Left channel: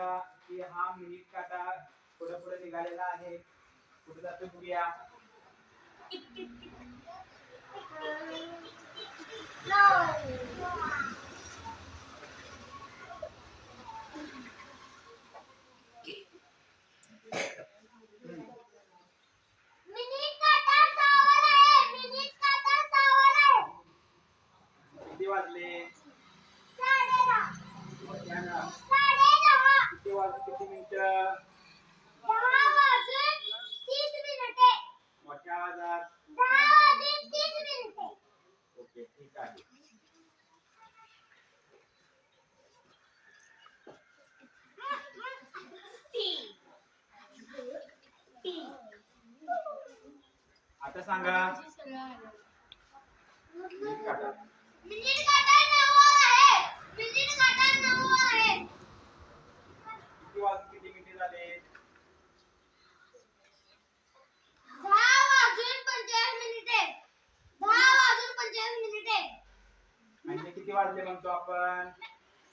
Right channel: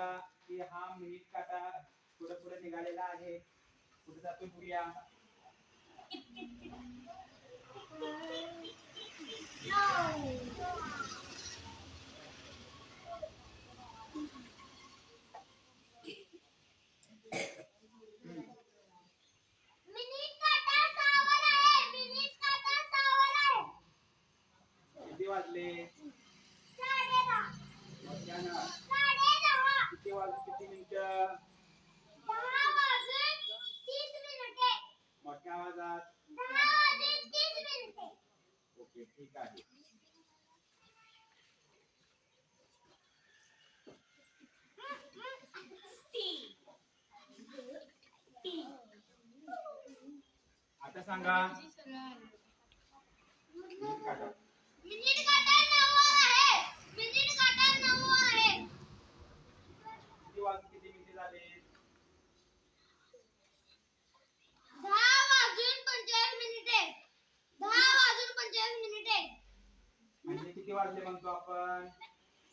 बघा की हा मिनिट काटा पुढे पुढे निघालेला आहे कुठे जातो बघूया आता सांगा म्हणजे म्हणजे किती वाजले म्हणतो आपण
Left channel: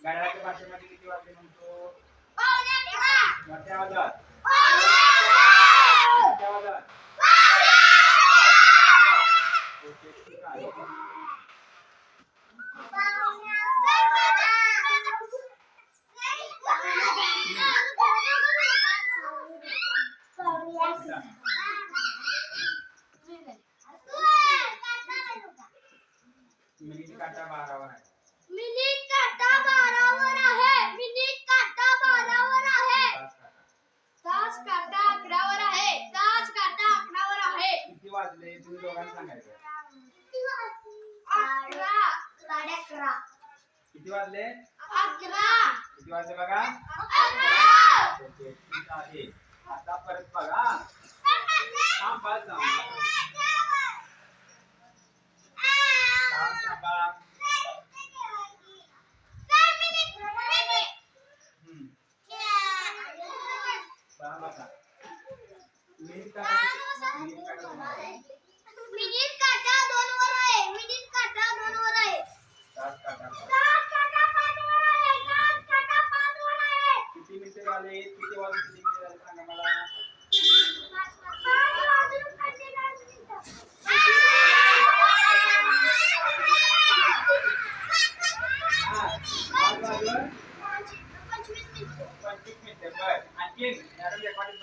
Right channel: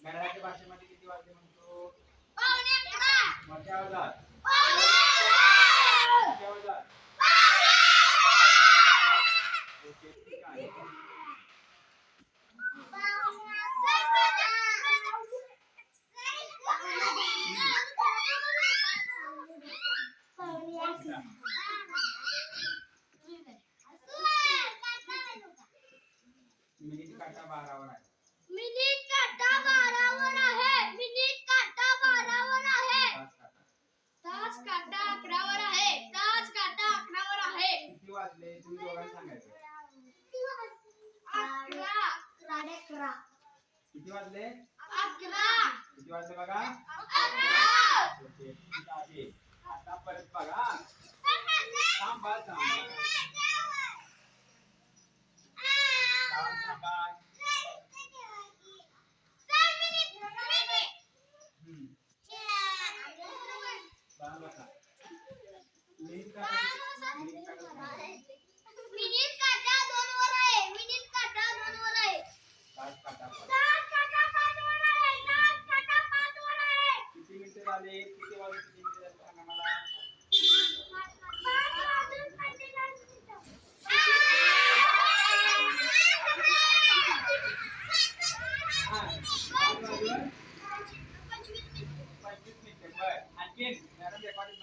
घड्याळाच्या भाषेमध्ये किती वाजले म्हणतो मोठ्या आवाजात मिनिट काटा बारावर आहे मिनिट काटा बारावर आहे मिनिट काटा बारावर आहे तास काटा अकरावर आहे तास काटा अकरावर आहे किती वाजले तुम्ही दोघांना सांगायचं अकरा साडे अकरा किती वाजले अकरा किती वाजले बघा अकरा आता परत बघा थांबा थांबा आले तिथे वाले किती किती सांगा मला पंचवीस मिनिटं बरं आणखी रेकॉर्डिंग